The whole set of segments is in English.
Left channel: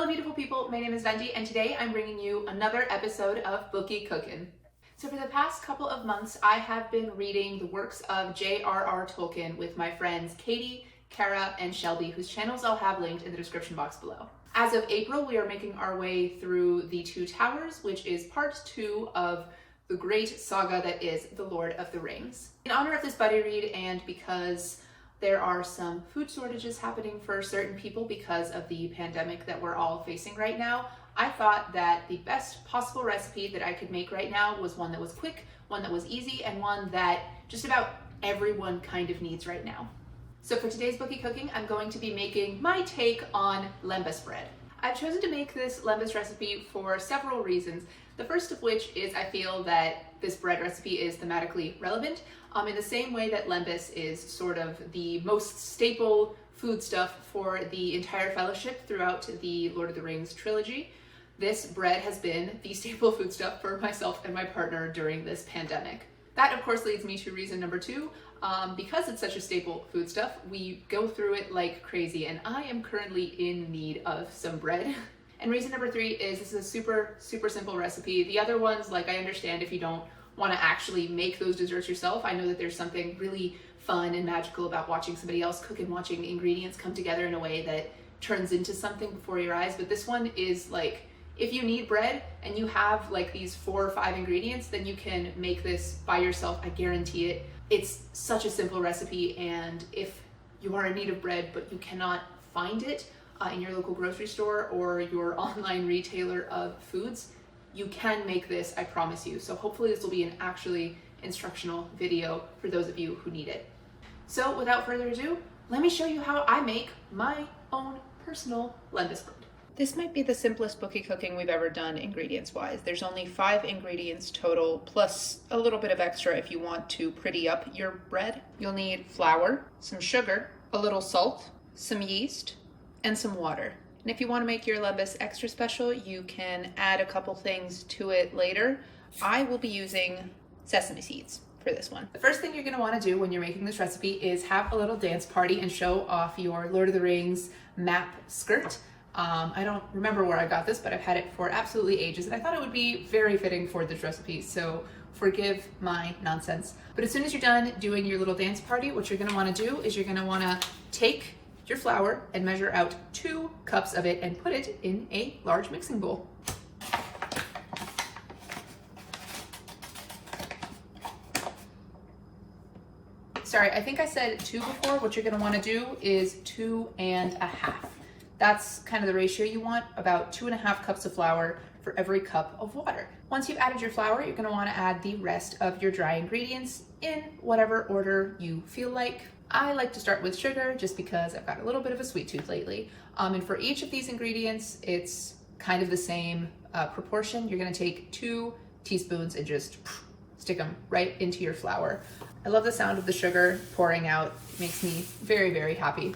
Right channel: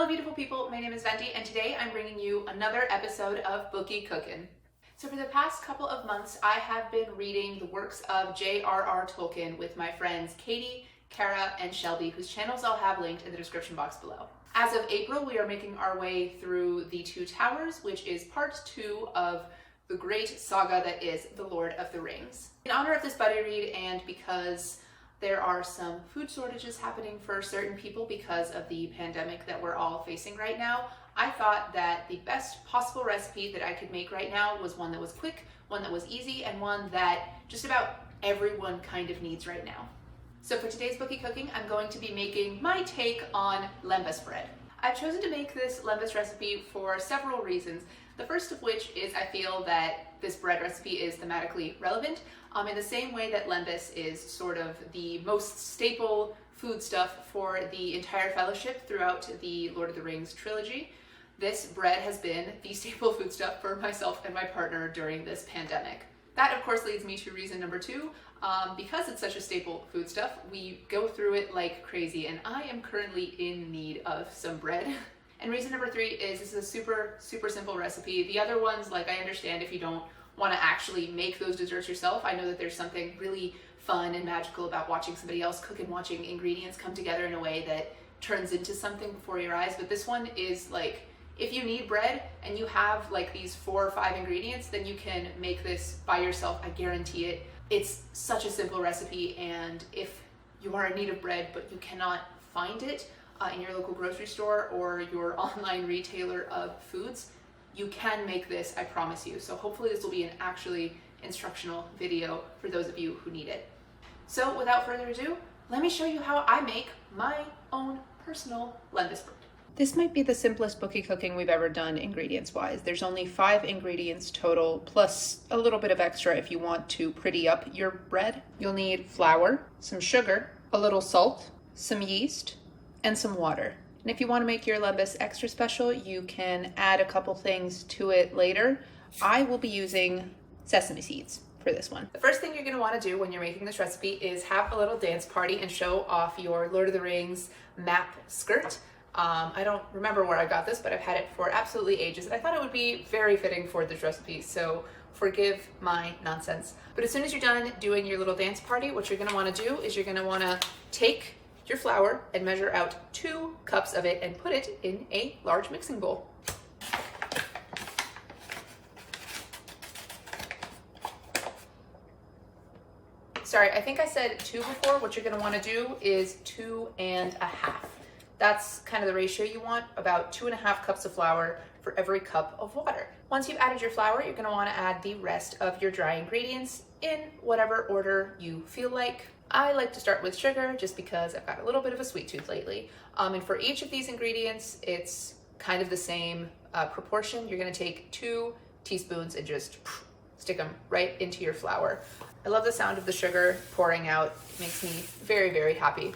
Hello beautiful people, my name is Vendi and today I'm bringing you another episode of Bookie Cookin. So for the past couple of months I have been reading the works of J.R.R. Tolkien with my friends Katie, Kara, and Shelby, whose channels I'll have linked in the description box below. As of April, we are making our way through The Two Towers, which is part 2 of the great saga that is The Lord of the Rings. In honor of this buddy read and because there are some food shortages happening for certain people because of the pandemic that we're all facing right now, I thought that the best possible recipe that I could make right now was one that was quick, one that was easy, and one that just about everyone kind of needs right now. So for today's Bookie Cooking, I'm going to be making my take on Lembas bread. I've chosen to make this Lembas recipe for several reasons. The first of which is I feel that this bread recipe is thematically relevant in the same way that Lembas is sort of the most staple food stuff for the entire fellowship throughout the Lord of the Rings trilogy. This bread has been the staple food stuff for myself and my partner during this pandemic. That of course leads me to reason number 2. Because it's such a staple food stuff, we go through it like crazy and I am currently in need of some bread. And reason number 3 is this is a super simple recipe. The other ones, like I understand if you don't want to actually make those desserts yourself. I know that there's something really fun and magical about watching somebody else cook and watching ingredients come together in a way that turns into something before your eyes. But this one is like, if you need bread and you have like these 4 or 5 ingredients, then you can make this by yourself. I guarantee it. It's such a simple recipe, and if you are in need of bread but you cannot find it in your local grocery store or your online retailer of foods, you can make this, I promise you. So hopefully this will be an actually instructional video for those of you who need it. So without further ado, let me show you how I make my own personal Lembas bread. This might be the simplest Bookie cooking we've ever done ingredients-wise. There's only 5 ingredients total, plus a little bit of extra if you want to pretty up your bread. You'll need flour, some sugar, a little salt, some yeast, and some water. And if you want to make your Lembas extra special, you can add a couple things to it later. I will be using sesame seeds for this one. The first thing you're going to want to do when you're making this recipe is have a little dance party and show off your Lord of the Rings map skirt. I don't remember where I got this, but I've had it for absolutely ages, and I thought it would be very fitting for this recipe, so forgive my nonsense. But as soon as you're done doing your little dance party, what you're going to want to do is you're going to want to take your flour and measure out 2 cups of it and put it in a large mixing bowl. Sorry, I think I said 2 before. What you're going to want to do is 2 1/2. That's kind of the ratio you want, about 2 1/2 cups of flour for every cup of water. Once you've added your flour, you're going to want to add the rest of your dry ingredients in whatever order you feel like. I like to start with sugar just because I've got a little bit of a sweet tooth lately. And for each of these ingredients, it's kind of the same proportion. You're going to take 2 teaspoons and just stick them right into your flour. I love the sound of the sugar pouring out. It makes me very happy.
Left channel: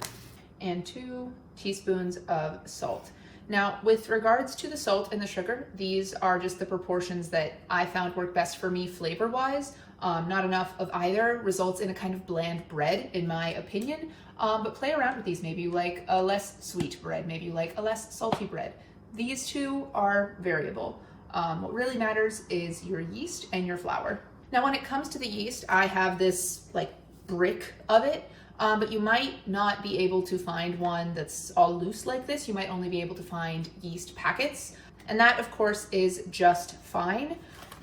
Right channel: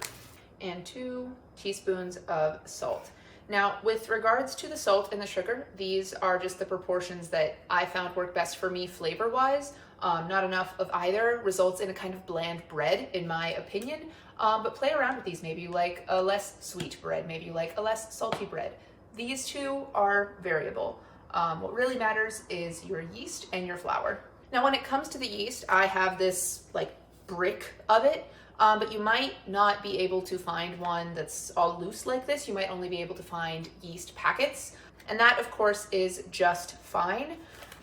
And 2 teaspoons of salt. Now, with regards to the salt and the sugar, these are just the proportions that I found work best for me flavor-wise. Not enough of either results in a kind of bland bread, in my opinion, but play around with these. Maybe you like a less sweet bread, maybe you like a less salty bread. These 2 are variable. What really matters is your yeast and your flour. Now, when it comes to the yeast, I have this like brick of it, but you might not be able to find one that's all loose like this. You might only be able to find yeast packets, and that of course is just fine.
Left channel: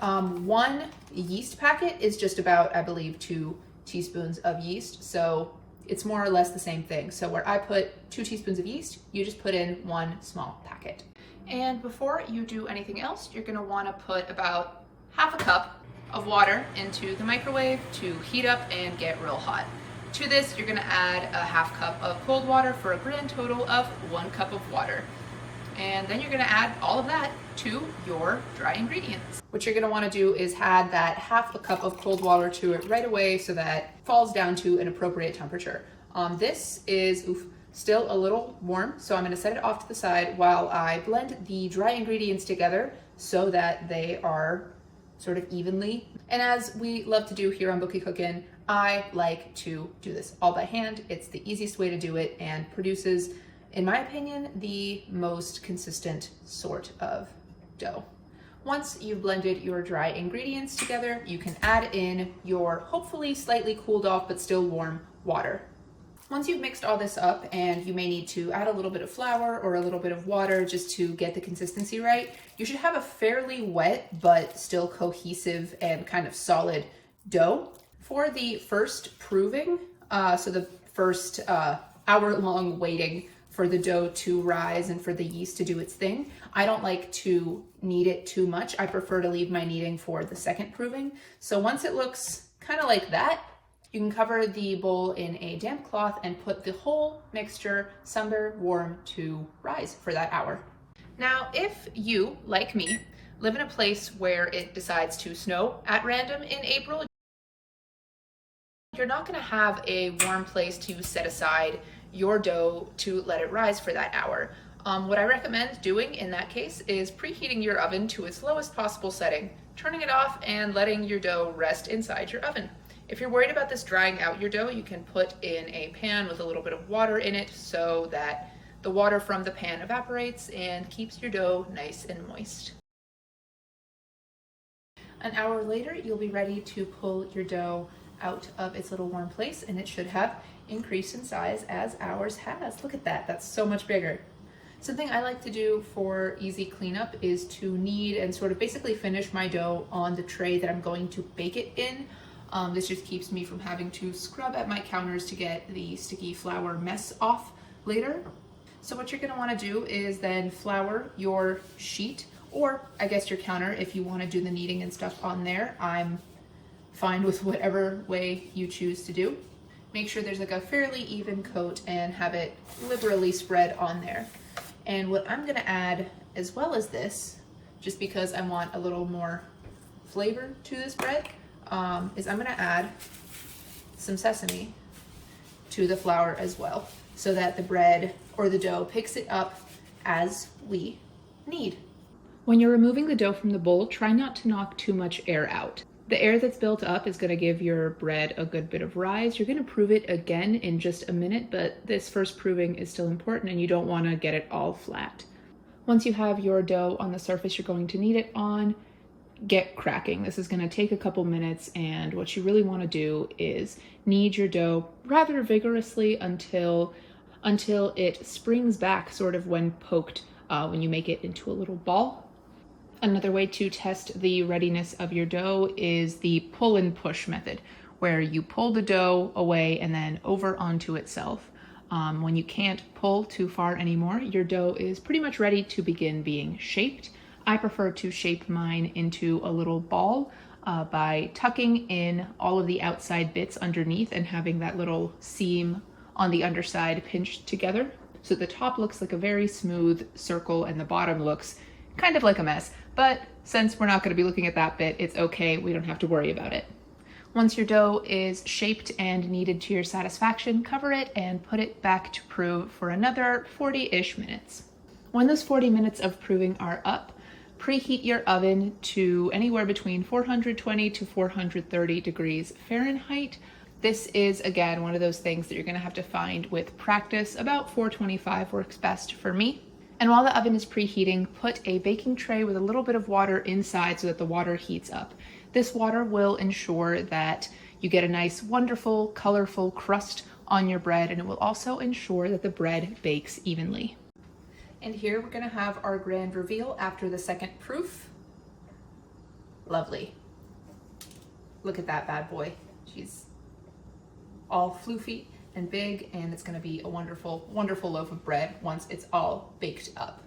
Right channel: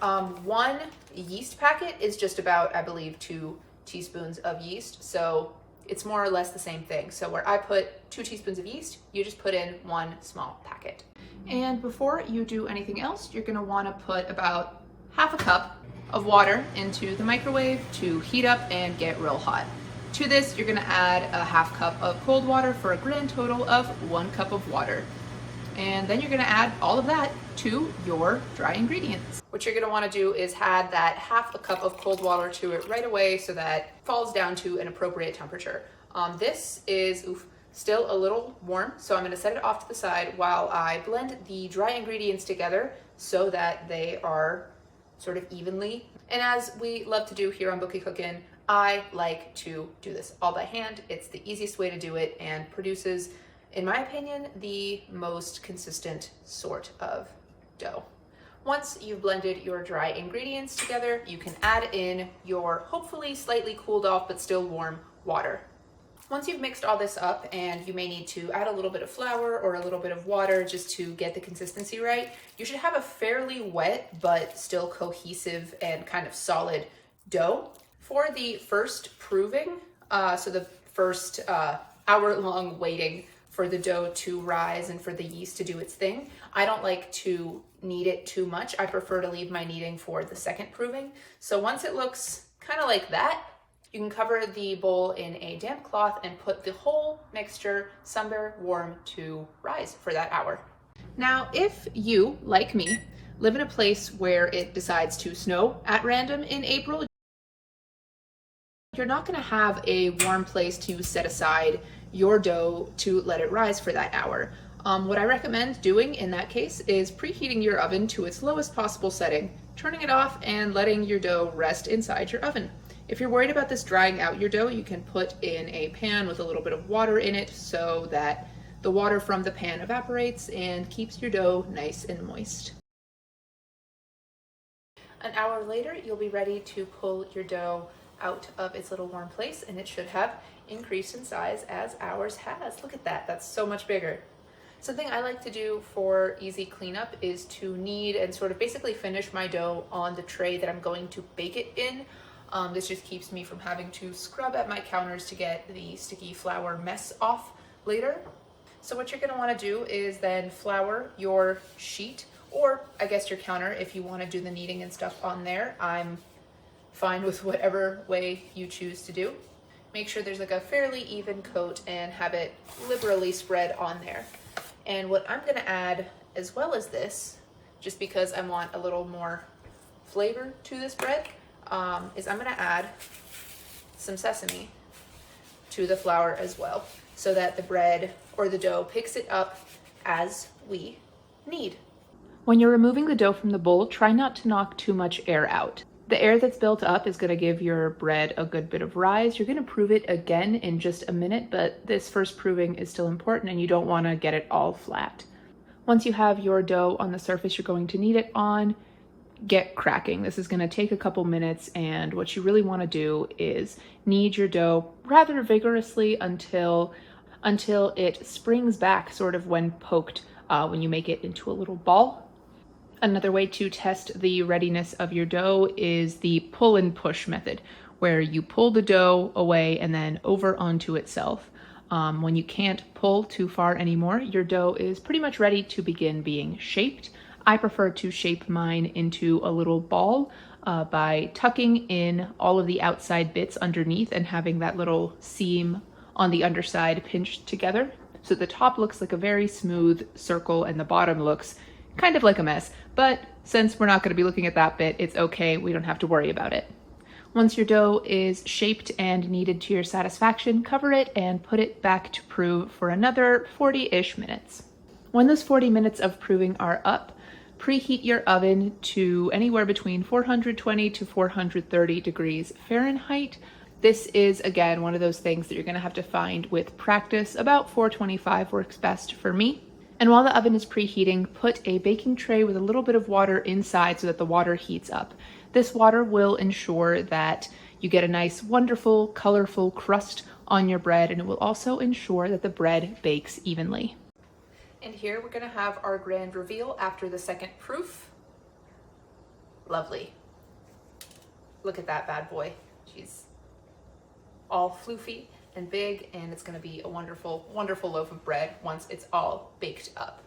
1 yeast packet is just about, I believe, 2 teaspoons of yeast, so it's more or less the same thing. So where I put 2 teaspoons of yeast, you just put in 1 small packet. And before you do anything else, you're going to want to put about 1/2 cup of water into the microwave to heat up and get real hot. To this, you're going to add a 1/2 cup of cold water for a grand total of 1 cup of water. And then you're going to add all of that to your dry ingredients. What you're going to want to do is add that 1/2 cup of cold water to it right away so that it falls down to an appropriate temperature. This is still a little warm, so I'm going to set it off to the side while I blend the dry ingredients together so that they are sort of evenly. And as we love to do here on Bookie Cookin', I like to do this all by hand. It's the easiest way to do it and produces in my opinion, the most consistent sort of dough. Once you've blended your dry ingredients together, you can add in your hopefully slightly cooled off but still warm water. Once you've mixed all this up, and you may need to add a little bit of flour or a little bit of water just to get the consistency right, you should have a fairly wet but still cohesive and kind of solid dough. For the first proving, so the first hour-long waiting for the dough to rise and for the yeast to do its thing, I don't like to knead it too much. I prefer to leave my kneading for the second proving. So once it looks kind of like that, you can cover the bowl in a damp cloth and put the whole mixture somewhere warm to rise for that hour. Now, if you, like me, live in a place where it decides to snow at random in April, you're not going to have a warm place to set aside your dough to let it rise for that hour. What I recommend doing in that case is preheating your oven to its lowest possible setting, turning it off, and letting your dough rest inside your oven. If you're worried about this drying out your dough, you can put in a pan with a little bit of water in it so that the water from the pan evaporates and keeps your dough nice and moist. An hour later, you'll be ready to pull your dough out of its little warm place, and it should have increased in size as ours has. Look at that, that's so much bigger. Something I like to do for easy cleanup is to knead and sort of basically finish my dough on the tray that I'm going to bake it in. This just keeps me from having to scrub at my counters to get the sticky flour mess off later. So what you're going to want to do is then flour your sheet, or I guess your counter if you want to do the kneading and stuff on there. I'm fine with whatever way you choose to do. Make sure there's like a fairly even coat and have it liberally spread on there. And what I'm going to add as well as this, just because I want a little more flavor to this bread, is I'm going to add some sesame to the flour as well, so that the bread or the dough picks it up as we knead. When you're removing the dough from the bowl, try not to knock too much air out. The air that's built up is going to give your bread a good bit of rise. You're going to prove it again in just a minute, but this first proving is still important and you don't want to get it all flat. Once you have your dough on the surface you're going to knead it on, get cracking. This is going to take a couple minutes, and what you really want to do is knead your dough rather vigorously until it springs back sort of when poked, when you make it into a little ball. Another way to test the readiness of your dough is the pull and push method, where you pull the dough away and then over onto itself. When you can't pull too far anymore, your dough is pretty much ready to begin being shaped. I prefer to shape mine into a little ball by tucking in all of the outside bits underneath and having that little seam on the underside pinched together. So the top looks like a very smooth circle and the bottom looks kind of like a mess. But since we're not going to be looking at that bit, it's okay, we don't have to worry about it. Once your dough is shaped and kneaded to your satisfaction, cover it and put it back to prove for another 40-ish minutes. When those 40 minutes of proving are up, preheat your oven to anywhere between 420 to 430 degrees Fahrenheit. This is, again, one of those things that you're going to have to find with practice. About 425 works best for me. And while the oven is preheating, put a baking tray with a little bit of water inside so that the water heats up. This water will ensure that you get a nice, wonderful, colorful crust on your bread, and it will also ensure that the bread bakes evenly. And here we're going to have our grand reveal after the second proof. Lovely. Look at that bad boy. She's all floofy and big, and it's going to be a wonderful, wonderful loaf of bread once it's all baked up.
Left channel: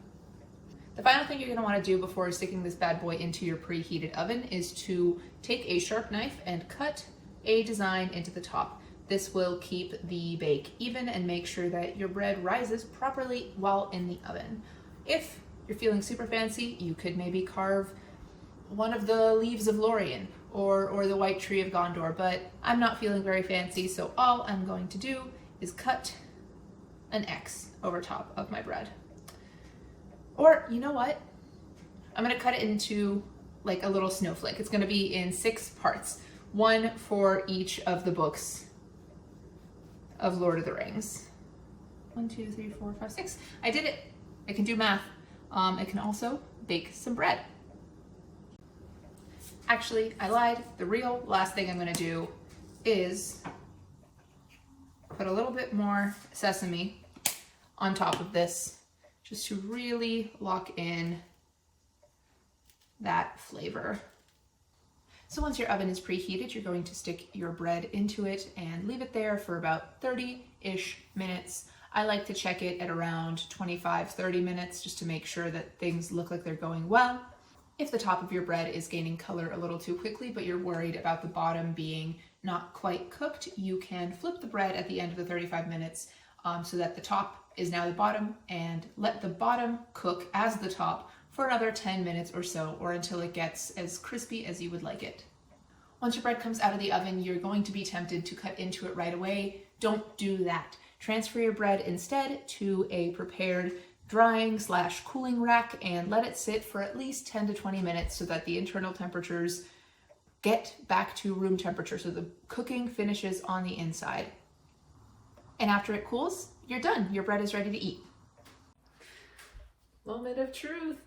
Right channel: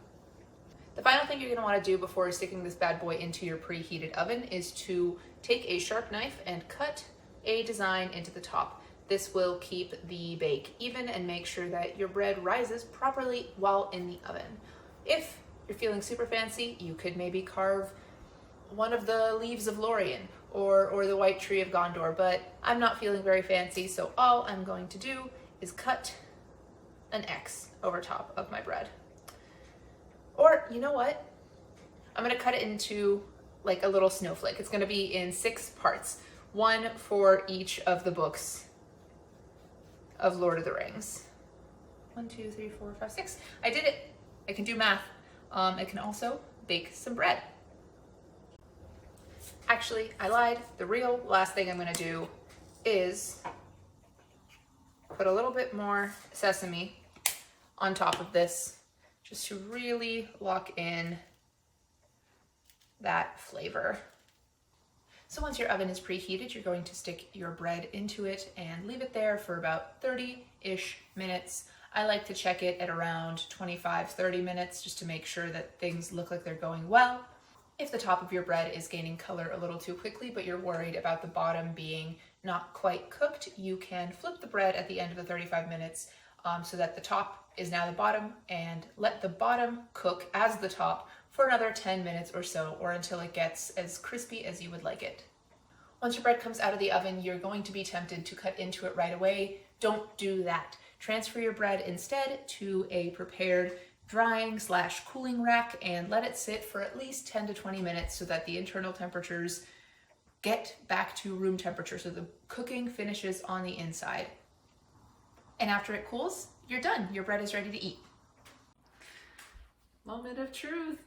The final thing you're going to want to do before sticking this bad boy into your preheated oven is to take a sharp knife and cut a design into the top. This will keep the bake even and make sure that your bread rises properly while in the oven. If you're feeling super fancy, you could maybe carve one of the leaves of Lorien or the white tree of Gondor, but I'm not feeling very fancy, so all I'm going to do is cut an X over top of my bread. Or, you know what? I'm gonna cut it into like a little snowflake. It's gonna be in 6 parts, one for each of the books of Lord of the Rings. 1, 2, 3, 4, 5, 6. I did it. I can do math. I can also bake some bread. Actually, I lied. The real last thing I'm gonna do is put a little bit more sesame on top of this, just to really lock in that flavor. So once your oven is preheated, you're going to stick your bread into it and leave it there for about 30-ish minutes. I like to check it at around 25-30 minutes just to make sure that things look like they're going well. If the top of your bread is gaining color a little too quickly, but you're worried about the bottom being not quite cooked, you can flip the bread at the end of the 35 minutes so that the top is now the bottom, and let the bottom cook as the top for another 10 minutes or so, or until it gets as crispy as you would like it. Once your bread comes out of the oven, you're going to be tempted to cut into it right away. Don't do that. Transfer your bread instead to a prepared drying/cooling rack and let it sit for at least 10 to 20 minutes so that the internal temperatures get back to room temperature, so the cooking finishes on the inside. And after it cools, you're done. Your bread is ready to eat. Moment of truth.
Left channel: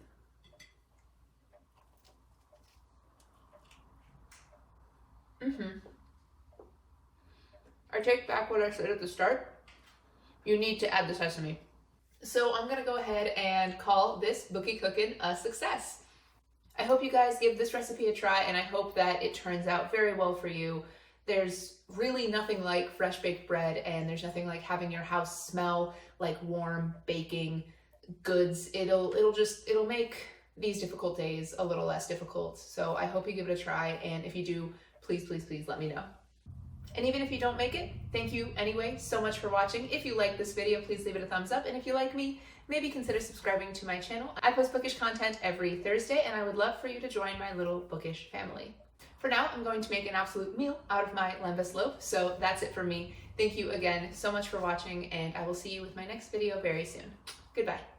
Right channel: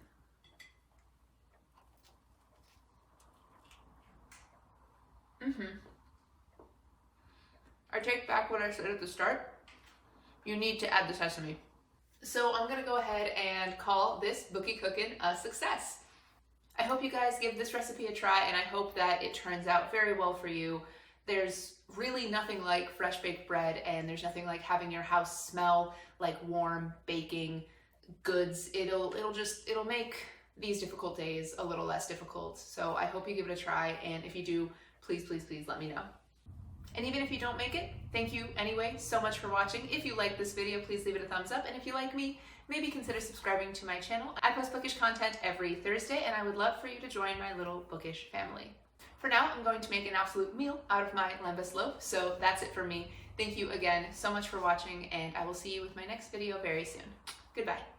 I take back what I said at the start. You need to add the sesame. So I'm gonna go ahead and call this Bookie Cookin' a success. I hope you guys give this recipe a try, and I hope that it turns out very well for you. There's really nothing like fresh baked bread, and there's nothing like having your house smell like warm baking goods. It'll make these difficult days a little less difficult. So I hope you give it a try, and if you do, please, please, please let me know. And even if you don't make it, thank you anyway so much for watching. If you like this video, please leave it a thumbs up. And if you like me, maybe consider subscribing to my channel. I post bookish content every Thursday, and I would love for you to join my little bookish family. For now, I'm going to make an absolute meal out of my Lembas loaf. So that's it for me. Thank you again so much for watching, and I will see you with my next video very soon. Goodbye.